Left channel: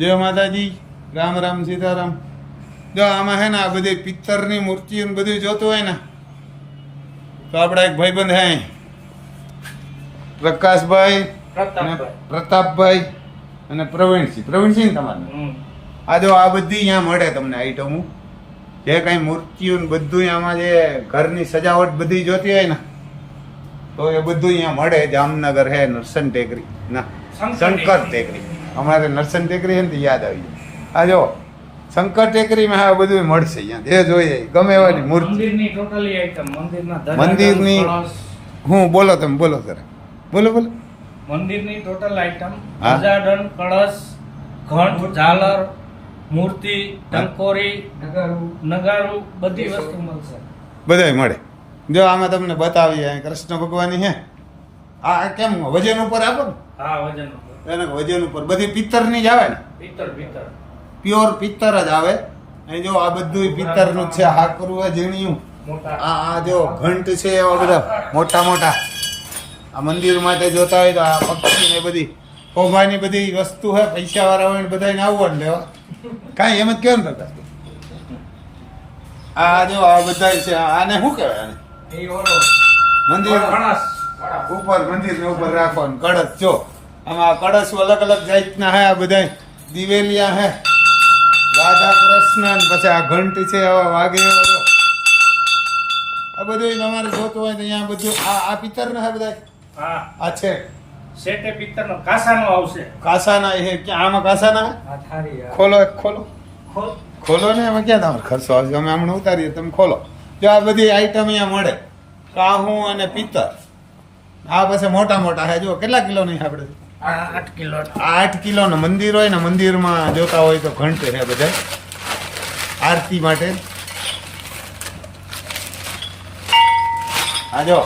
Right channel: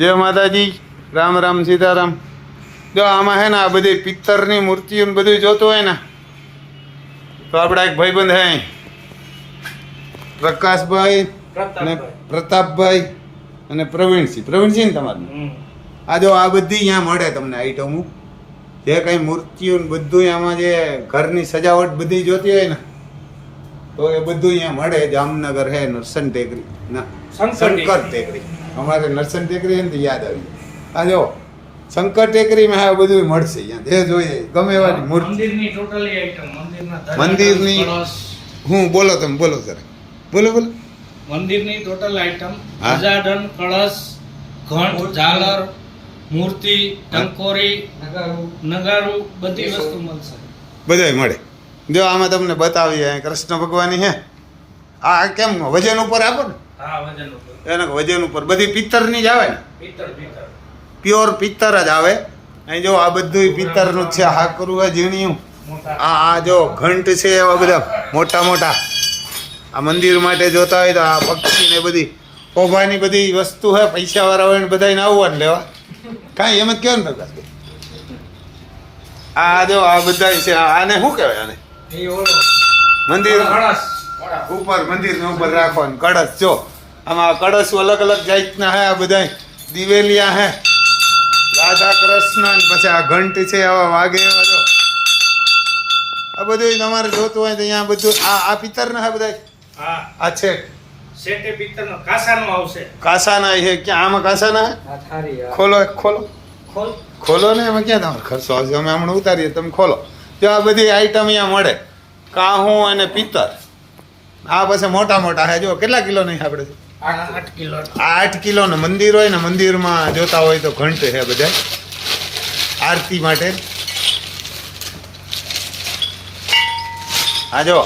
જય માતાજી, રામ રામ સીતારામ. જો આમાં હે ને આ બધી પિત્તરની મૂર્તિઓ ને બધું જોતું હોય ને તો આપણા એક ભાઈબંધ હે પ્રકાશભાઈ અને પ્રતાપભાઈ અને પ્રવીણસિંહ ને તમારું આ જો આ બધી અહીંયા મળે તમને આઈટમો, જે કાંઈ મૂર્તિઓ ને બધું આમાં જે ઘરની સજાવટ બધી જોતી હોય ને તો એ બધું અહીંયા મળે. જામનગર હે નરસન ટેકરી ના શંકર ટેકરી, અમારે નરસન ટેકરી છે ને તો યાદ આવી આ જો શંકર ટેકરીમાં આ બધું મળશે અહીંયા, જે જોઈએ ગમે એવાની મૂર્તિ મંદિરની. હું બોલો તમે બોલો સર, બોલો મંદિરની ટોટલ આઈટમ, ધજાડન, કળશ, ઘંટ, ઝાલર, મૂર્તિ, ટંકોરી, નગારું, બધી વસ્તુ મળશે. બધાય મળે. જો આમાં તમને બતાવીએ કૃષ્ણ ભગવાનની હે. આ કેમ વજન ઉપર આપો ને? હા, વજન ઉપર. એને વજન ઉપર બધી પિત્તરની જ આવે ને? પિત્તર પ્યોર પિત્તર જ આવે. અહીં જો આ બધું પિત્તરનું જ છે. હાકરું હોય ઝીણિયું. આ જો ઘંટ છે એવા બધા મોટા મોટા. આ મંદિર માટે જોતા હોય તો આ પક્ષી ને બધી કોભાની બધી વસ્તુ હે. પૈસાવાળા હોય ને બધાને આવવાનું લેવા કાંઈ એમ જ કહેવાય ને પ્રકાશ. આ જો આ બધા છે. આને શું કહેવાય? આને મંદિર ઉપર, મંદિરને ઉપર રાખવાનું કળશ. જો આમાં કળશ અલગ અલગ જાતના હે. આ બધા દિવેલિયા હે, રાધા કૃષ્ણ, પછી આ ઘંટ છે આવા વાગે એવા. જો આ બધું તમારે જોતું હોય તો અહીંયા બધું આ પિત્તર ના હે બધા. આ છે સેટે પિત્તરનો કાસાનો આવશે. કાસાના છે. ક્યાં આમાં કાસાના હે? ખોલો ખોલો ને એમાં ક્યાં તમારે ખર્ચો આવશે? અમે હમણાં ઉતારીએ, તમે ખોલો. જો આ બધી આઈટમ અહીંયા મળે, કાહું અને પિત્તર. આ પછી મોટા મોટા હે. જો કેટલા કિલો નહીં આપણે? 8 કિલો. 8 કિલોનો મંદિર હોય ને, મંદિરમાં જોતા હોય તો ઘંટ છે બધા આરતી માટે. આ જો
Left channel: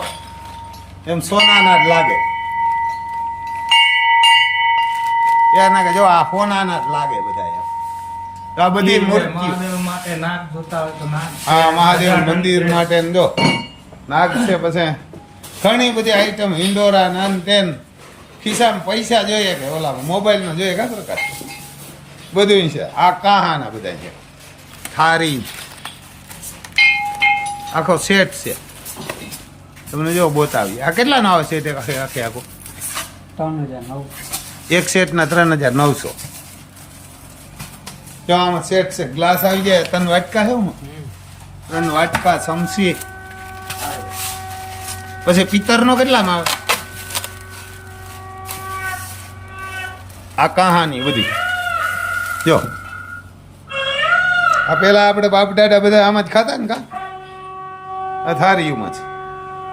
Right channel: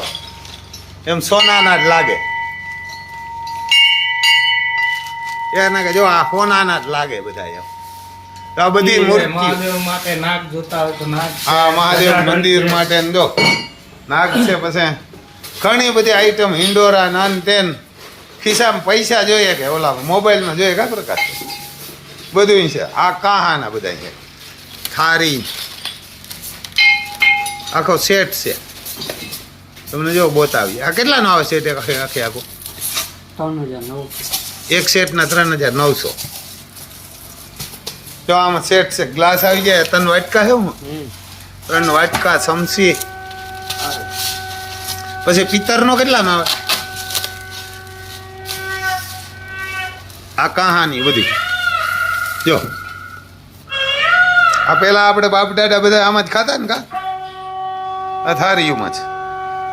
એમ સોનાના જ લાગે. એના કે જો આ સોનાના જ લાગે બધા એમ. તો આ બધી મૂર્તિઓ માટે નાગ જોતા હોય તો નાગ. હા, મહાદેવ મંદિર માટે જો નાગ છે. પછી ઘણી બધી આઈટમ, હિંડોરા, નાન તેન. ખિસ્સામાં પૈસા જોઈએ કે ઓલામાં મોબાઈલમાં જોઈએ કા પ્રકાર બધું છે. આ કાહાના બધા છે. થારી આખો સેટ છે. તમને જો બતાવી. આ કેટલાનો આવે સેટ? આખે આખો 3900. એક સેટના 3900. જો આમાં સેટ છે. ગ્લાસ આવી જાય. 3 વાટકા છે. હું 3 વાટકા, ચમચી. પછી પિત્તરનો કેટલામાં આવે? આ કહાની બધી જો. આ પેલા આપણે બાપ દાદા બધા આમાં જ ખાતા ને કા? આ થારીયુમાં જ.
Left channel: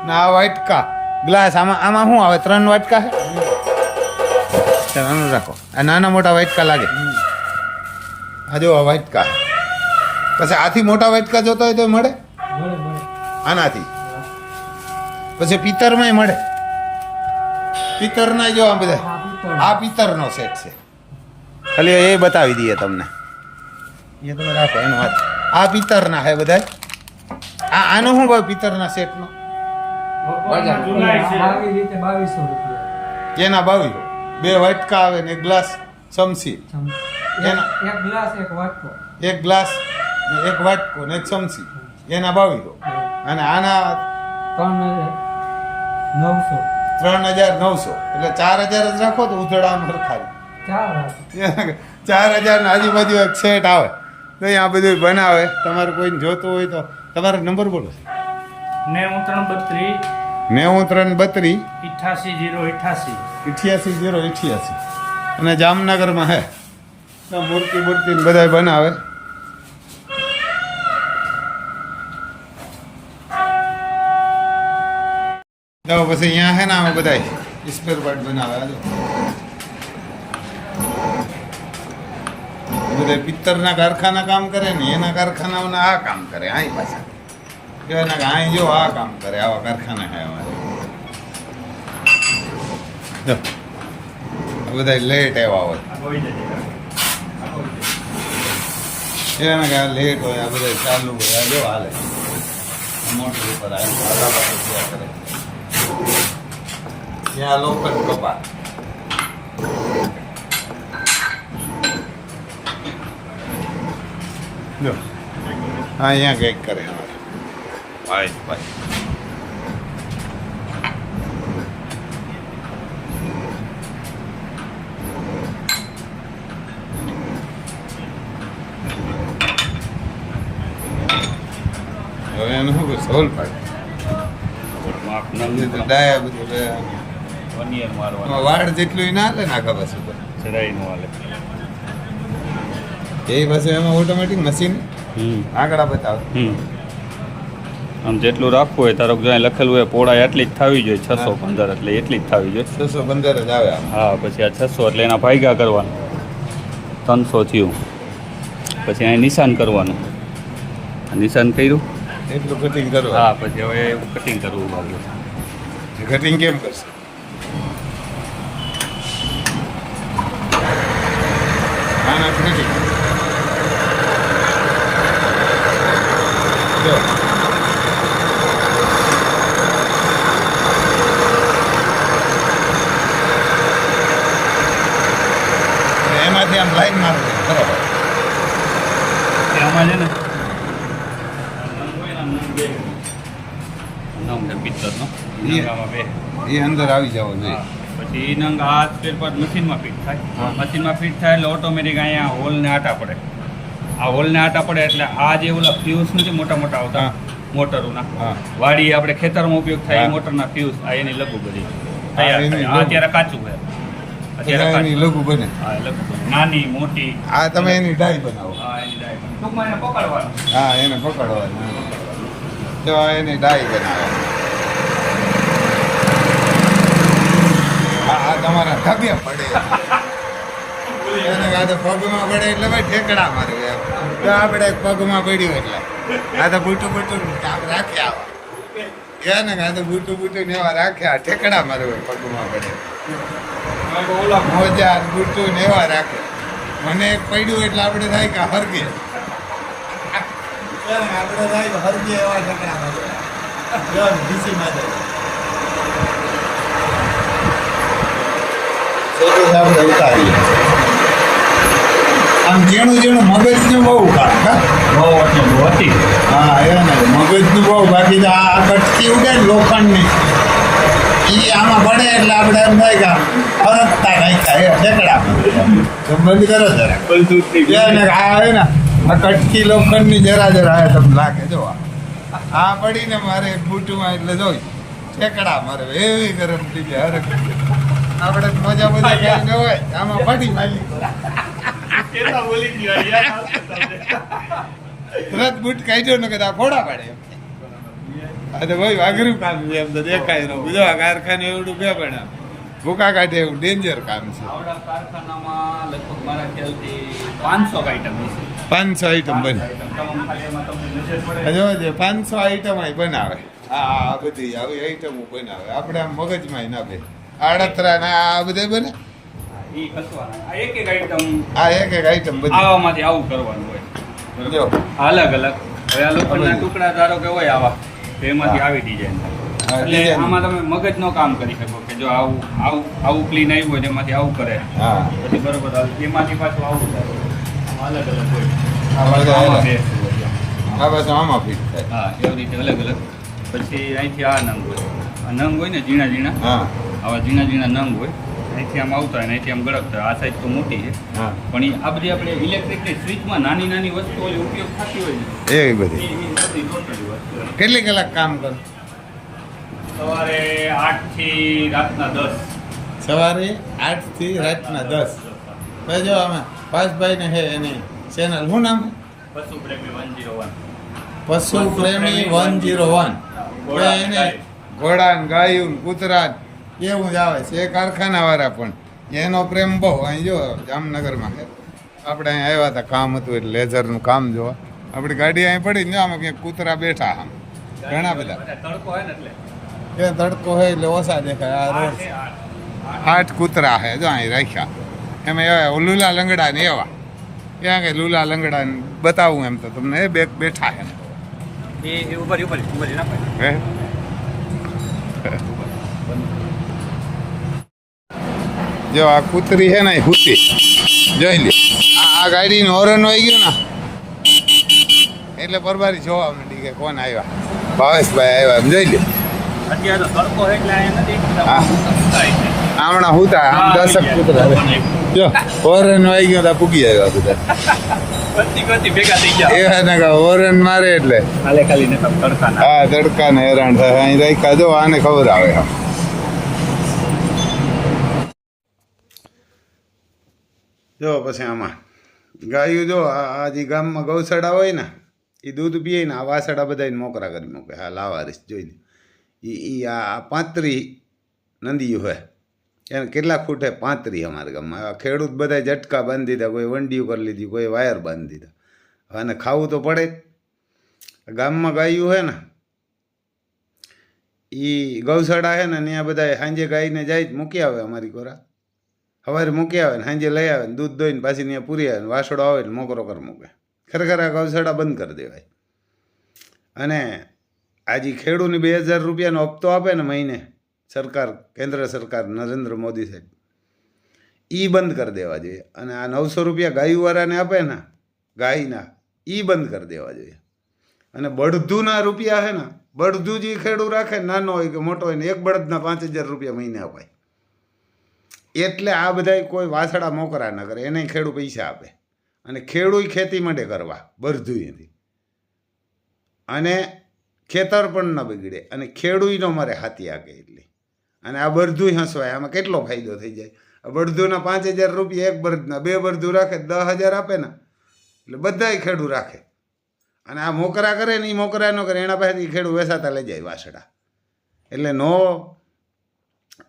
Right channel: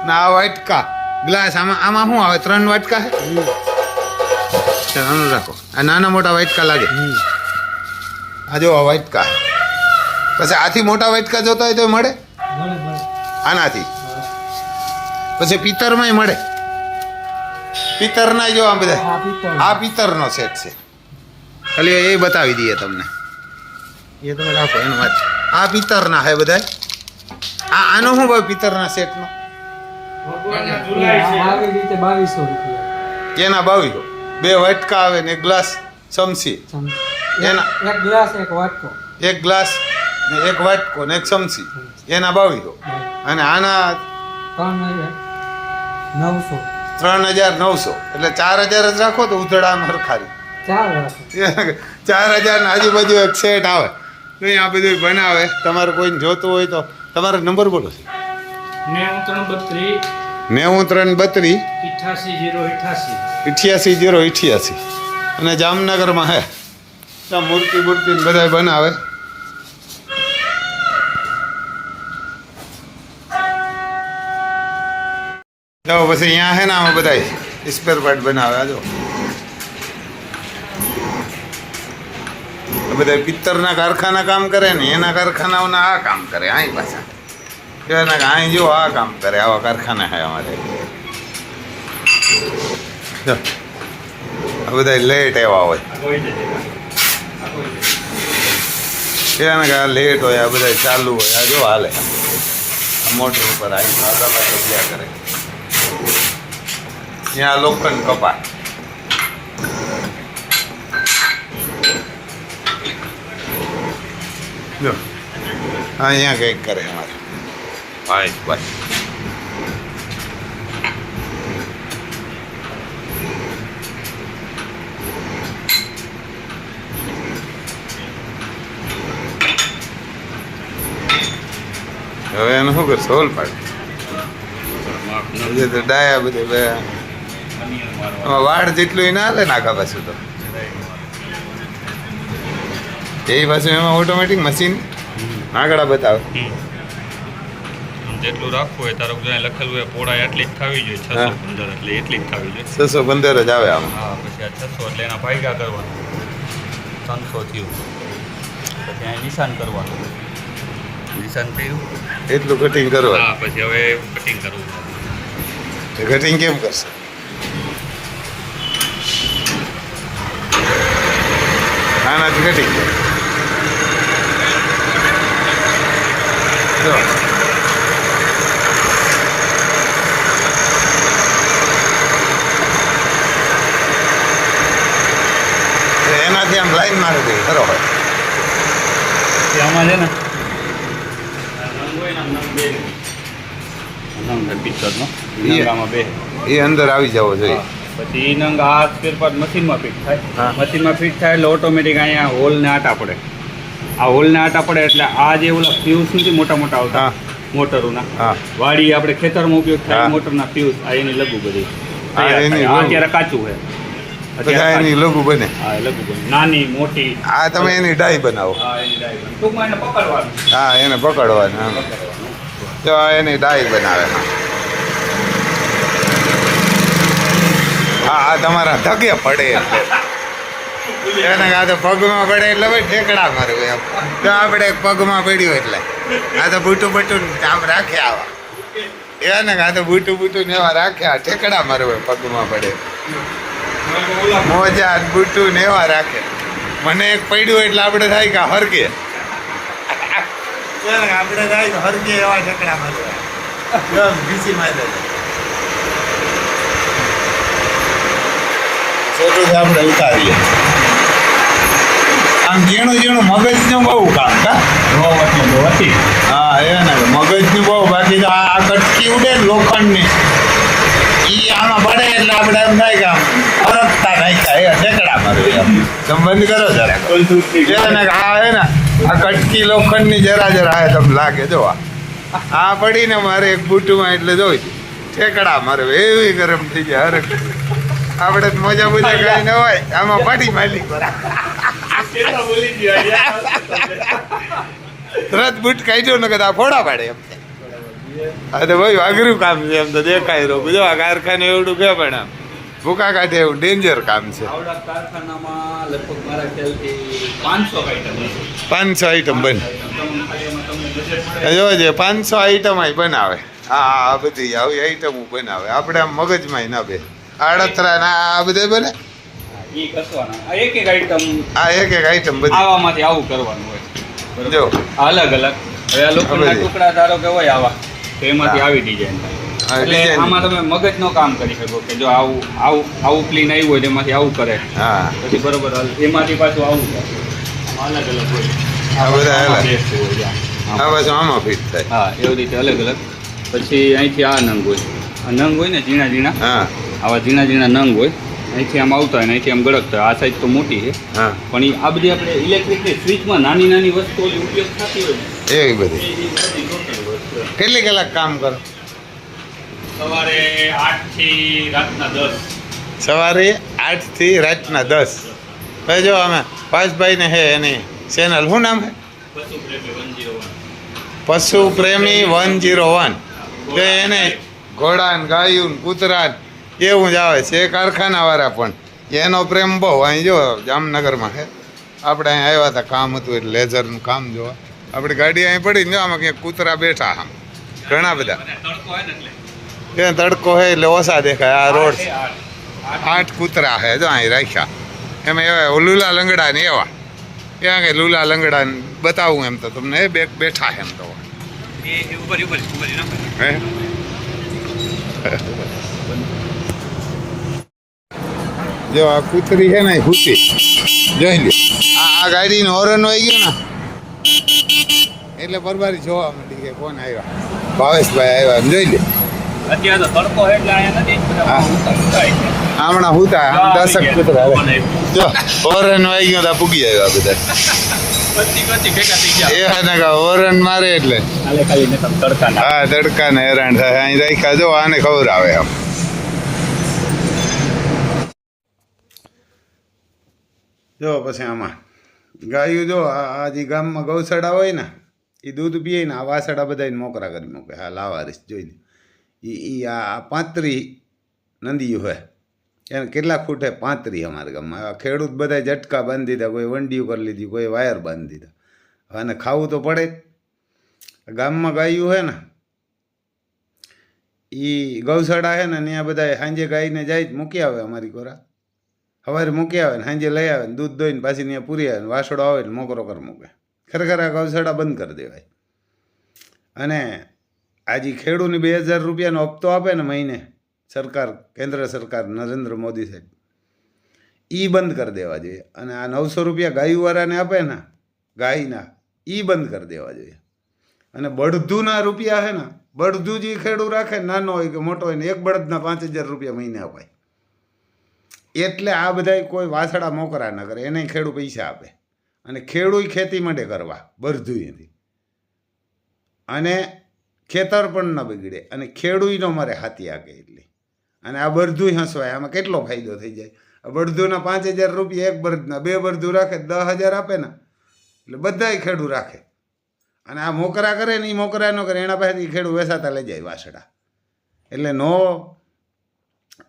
ને આ વાટકા ગ્લાસ. આમાં શું આવે? 3 વાટકા છે. નાનું રાખો. આ નાના મોટા વાટકા લાગે. આ જો આ વાટકા. પછી આથી મોટા વાટકા જોતા હોય તો મળે આનાથી. પછી પિત્તરમાંય મળે. પિત્તરના જો આ બધા. આ પિત્તરનો સેટ છે. ખાલી એ બતાવી દઈએ તમને. એ તમે રાખો એનો વાત. આ પિત્તરના હે બધા. આનો શું ભાવ પિત્તરના સેટનો? એના 2200. 2 વાટકા આવે ને 1 ગ્લાસ, ચમચી. એના એક ગ્લાસ ને 1 વાટકો ને 1 ચમચી. એના 2200. અને આના 3900. એટલે 4000 જ રાખો તો ઉધડામાં હરખારી 4000 ના આજુબાજુ એક સેટ આવે. તો આ બધું બનાવે. તમારે કોઈને જોતું હોય તો તમારો નંબર બોલો. 9332 9332 88088. અને જામનગરમાં હે. ત્યાં મૂર્તિ બધા બનાવે. તો પછી અહીંયા હે ને આમાં બધા સ્પેર પાર્ટ બનાવે. આ જો બધા પિત્તરના કારખાના કામ કરે ને એના કારખાનાઓના આ કામ કરે. અહીં પાછા કહેવાના કે અહીં જો આ કામ કરે. આવા કારખાના હે અમારે. જો આ બધા લેટ એવા હોય. કહેવાના કે આ લેટ હોય. આ બધા ચાલુ હોય. આ જો હાલે આ મોટર ઉપર અહીં કરે. ત્યાં લોખંડ કપાય. જો અહીંયા કંઈક કરે અમારે ભાઈ ભાઈ હવે એનું શું કરશે હોલ પાડ તો ડાયા બધે વાડ જેટલું ના હાલે નાખા પાછું તો એ પાછું એમાં ઓટોમેટિક મશીન આગળ બતાવે આમ જેટલું રાખવું હોય તારો જ્યાં લખેલું હોય પહોળાઈ એટલી જ થવી જોઈએ 615 એટલે એટલી જ થવી જોઈએ 615 જ આવે આમ હા પછી આ 600 એટલે એના ભાગ્યા કરવાના 300 થયું પછી અહીં નિશાન કરવાનું નિશાન કર્યું એટલું કટિંગ કરો હા પછી હવે કટિંગ કરવું કટિંગ કેમ કરશે આનાથી કટિંગ જો એનાથી આમ લાઈન મારી દે બરોબર આમાં છે ને નંગ હોય ને આમ નંગ બે નંગ પિક્ચરનો આમાં બે એ અંદર આવી જવો જોઈએ પછી એ નંગ આ ફેરફાર મશીનમાં ફિટ હા. થાય મશીનમાં ફિટ થાય એટલે ઓટોમેટિક અહીંયા હોલને આટા પડે આ હોલને આટા પડે એટલે આ જે ઓલા ફ્યુઝ નથી મોટા મોટા આવતા હા. મોટરોના હા વાડી આપણે ખેતરમાં ઉપયોગ થાય હા. એ મોટરના ફ્યુઝ આ એની લઘુ બધી આ એની આ લઘુ. અત્યારે કાચું છે પછી આ એની લઘુ બને હા એ લઘુ બધી. નાની મોટી આ તમે એની ડાઈ બનાવો હા એની ડાયરી. ટૂંકમાં એને પકડવાનું હા એને પકડવાનું હા. તો આ એની ડાઈ બનાવે હા આ તમારા ધગે પડે એને આ તો પગમાં પડે એટલે ભાઈ ઠેકડા મારવું એમ તો આપણે પગમાં પડ્યું એટલે આ તો બૂટું બૂટું આમ રાખે આવા એને આ તો બૂટું ને એવા રાખ્યા ઠેકડા મારવું પગમાં પડે મોજા ને બૂટું ને એવા રાખે મને એક પડ્યું એટલે આપણે થાય કે હરગે આપણે થાય કે હરગે એવા ઠેકડા મારવા ભીસી મારે આપણે ઉતારીએ આમ ઝીણું મગજનું બહુ કામ કા હા એને મગજનું બહુ બાકી તો આ કટકી ઉડે ને લોખંડની એ આમાં પડે એટલે આપણે એમ થાય કે આમ હરકતા નાખ્યા એ ઠેકડા મારે સંબંધ કરો જરા એને આ હે ને આ કટકી લોખંડની જરા હે તમને લાગે જો આ પડીને મારે એક બૂટુમાં એટલે જોઈ ઠેકડા મારે એવી ગરમ થઈ જાય હરક આપણે તો મજા કઈ ન હોય આમાં પડી માલિક તરત બૂટ કાઢ્યો ને કદા ફોડા પાડે એમ હા તો ભાઈ અઘરું કામ છે એમ તો દેખાય રહ્યું જો આ કારખાને એવડું કે પણ આમ ભૂકા કાઢે એવું ડેન્જર કામ છે આવડા કારખાનામાં લગભગ મારા ખ્યાલથી 500 આઈટમ હશે 500 આઈટમ બને જોજે 500 આઈટમ બનાવે આ બધી આવી આઈટમો બનાવે આપણે આમ મગજમાં ના બે આડતરા ના આ બધા બને ઈ કસવાના આ એક આઈટમ આ એક આઈટમ બધી આવામાંથી આવું કરવાનું હોય જો અલગ અલગ હવે આ લોખંડના ટુકડા ધારો કે હોય આવા તો એમાંથી આવી ડિઝાઇન હા, એટલે design. આમાં તમે મગજનું કામ કરી શકો કે જો આવું ક્લીન આવ્યું હોય તો એમાંથી આવું કરે હા પછી બરોબર એમાંથી પાછું આવું કરે આમાં અલગ અલગ હોય આ બધા આમાં અલગ. best હોય છે. આ પાછું આમાં ફિટ થાય હા એવી રીતે અલગ અલગ પછી અહીંથી આ નંગ હોય આ નંગ હોય ને ઝીણા ઝીણા હા આવા ઝીણા ઝીણા નંગ હોય અહીંથી આમ આવતા હોય ને અહીંથી આમ ગળકતા હોય આ સાઈઝ તો મોટી છે હા પણ એ આ બધી આપણે ઇલેક્ટ્રિકની સ્વિચમાં નાની નાની વસ્તુઓ ઉપયોગ થતી હોય ને એવી બધી એ બધી ટોટલી વસ્તુ કેટલી કલાક કામ કરો સવારે 8 થી રાતના 10 સવારે 8 થી રાતના 10 ભાઈ જો અમે પાસભાઈને હે એની ચેનલ શું નામ હે પશુ પ્રેમી 101 પશુ પ્રેમી 101 તો એને ઘોડા ને ગાયું ને કૂતરા ને એવું જ આવે છે એ કારખાનાવાળા પણ એનો પ્રેમ બહુ અહીં જો જામનગરમાં છે આપણે અહીં આવ્યા હતા કામ હતું એટલે લેઝરનું કામ જોવા આપણી ગાડી અહીં પડી ને જો આમાં ક્યાંક કૂતરા બેઠા આમ ઘણા બધા તડકો હોય ને એટલે એ તડકો હોય એટલે ઓછા દેખાય આ રોડ 8 કૂતરા છે જો અહીં રાખ્યા એમાં એવા લુલા લંગડા ને એવા ત્યાં કે લુલા લંગડા ને બતાવું એમ તો તમને એ બેઠા એમ તો એ ઉપર ના હે જો આ કૂતરી છે ને એ હુતી જોઈ લે આ ગાડીનું હોરન હોય ગયું ને એટલે પરબારી જોવા માંડી કે કોણ આવ્યા. ભાવેશભાઈ આવ્યા એમ જોઈ લે. અત્યારે તો તડકો એટલે અહીંયા નથી હા. હમણાં હું થાય આમ દશક કૂતરા જો ઓરન વાઈ ગયો તા પૂગી આવ્યા બધા ભેગા થઈ ગયા એ ને કા ઓરન મારે એટલે કાલે ખાલી ને તડકાના હા તડકાને હેરાન થાય અહીં રાખ્યા જો આને ખબર આવે આમ જો પછી આમાં ગાયું જો આ જે ગામમાં ગૌશાળા હોય ને એ દૂધ પીએ ને આ વાસડા બધાને મોકરા કરી મૂકે હા લાવારીશ જોઈને એ આ 35 નંદીયું હોય એને કેટલા ફૂટે 35 અમારા ગામમાં આ ખેડૂત બધા ઝટકા બાંધી દીધા કોઈ વંડીયું કરી લીધી કોઈ વાયર બાંધી દીધા અને ખાવું તો પડે જ ગામમાં ગાયું હોય ને એ ગૌશાળા છે ને ત્યાં બધા સાંજે ગાયને જાય જ મૂકી આવે અમારી કોરા સવારે મૂકી આવે ને સાંજે લઈ આવે ને દૂધ દોઈને પાછી ત્યાં પૂરી આવે ને વાસડો આવે ને મોકરો કરી મૂકે ખરેખર આ ગૌશાળા બંધ કરી દેવાય અને આજે ખેડૂતને 2000 રૂપિયાનો હપ્તો આપે ને મહિને સરકાર કેન્દ્ર સરકાર નરેન્દ્ર મોદી સાહેબ એ બંધ કરી દેવા જોઈએ અને આ 900 રૂપિયા ગાયુવાળાને આપે ને ગાયના એ બંધ કરી દેવા જોઈએ અને બળદુના રૂપિયા છે ને બળદુ જે ખેડૂત રાખે નાનો હોય કે મોટો હોય ને એક બળદના 5000 રૂપિયા મહિને અપાય એટલે આ બધા કોઈ વાસડા મોકરા ન કરે એને ખેડૂત પૈસા આપે અને ખેડૂત ખેતી માટે કરવા બળદુએથી અને ખેતર પણ ન બગડે અને ખેડૂતનો મારે હાથી આગે એટલી અને આ બળદુય હસવાય આમાં કેટલો ફાયદો થઈ જાય આ બળદુના 5000 રૂપિયા એક બળદના 2 બળદુ રાખે 10000 આપે ને એટલે બધાય ખેડૂત રાખે અને આ મોકરા કરે ને એ મોકરા ન કરે એના પાસેથી ખેડૂત વેસાતા લઈ જાય વાસડા એટલે નો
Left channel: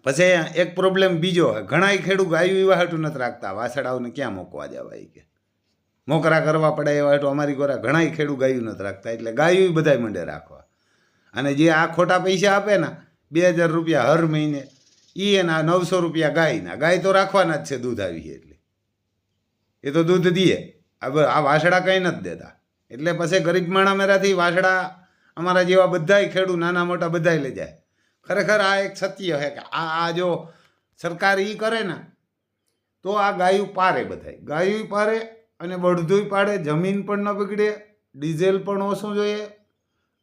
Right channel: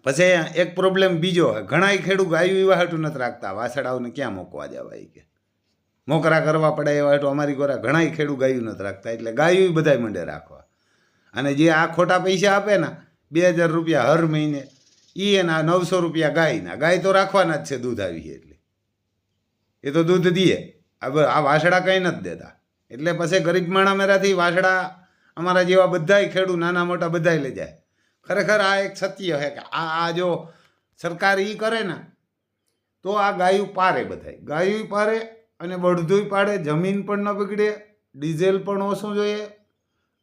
પછી એક પ્રોબ્લેમ બીજો ઘણા ખેડૂત ગાયું એવા હાટું નથી રાખતા વાસડાઓને ક્યાં મૂકવા જવાય કે મોકરા કરવા પડે એવા હાટું અમારી કોરા ઘણા ખેડૂત ગાયું નથી રાખતા એટલે ગાયું બધાય મંડે રાખવા અને જે આ ખોટા પૈસા આપે ને 2000 રૂપિયા હર મહિને એ એના 900 રૂપિયા ગાયના ગાય તો રાખવાના જ છે દૂધ આવી એટલે એ તો દૂધ દે આ વાસડા કંઈ નથી દેતા એટલે પછી ગરીબ માણા મેરાથી વાસડા અમારા જેવા બધાય ખેડૂત નાના મોટા બધાય લઈ જાય ખરેખર આ એક સત્ય છે કે આ જો સરકાર એ કરે ને તો આ ગાયું પારે બધાય ગાયું પારે અને બળદુય પાડે જમીન પણ ન બગડે ડીઝલ પણ ઓછું જોઈએ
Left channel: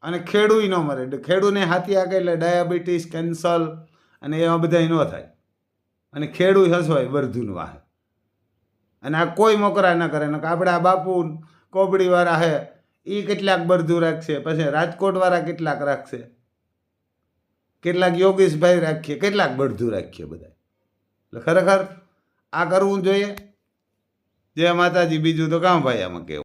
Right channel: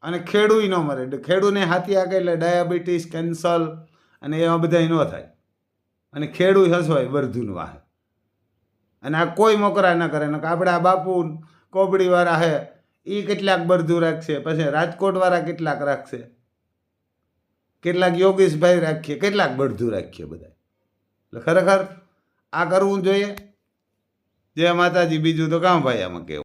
અને ખેડૂત ન મરે ખેડૂતને હાથી આગે એટલે ડાયાબિટીસ કેન્સર અને એવા બધા ન થાય અને ખેડૂત હસવાય બળદુનું વાહે અને આ કોઈ મોકરા ન કરે ને આપણે આ બાપુ કોબડીવાળા હે એ કેટલાક બળદું રાખશે પછી રાજકોટવાળા કેટલાક રાખશે કેટલાક યોગેશભાઈ રાખીએ કેટલાક બળદું રાખીએ બધા એટલે ખરેખર આ કરવું જોઈએ જય માતાજી બીજું તો કામ ભાઈ આમાં કહેવું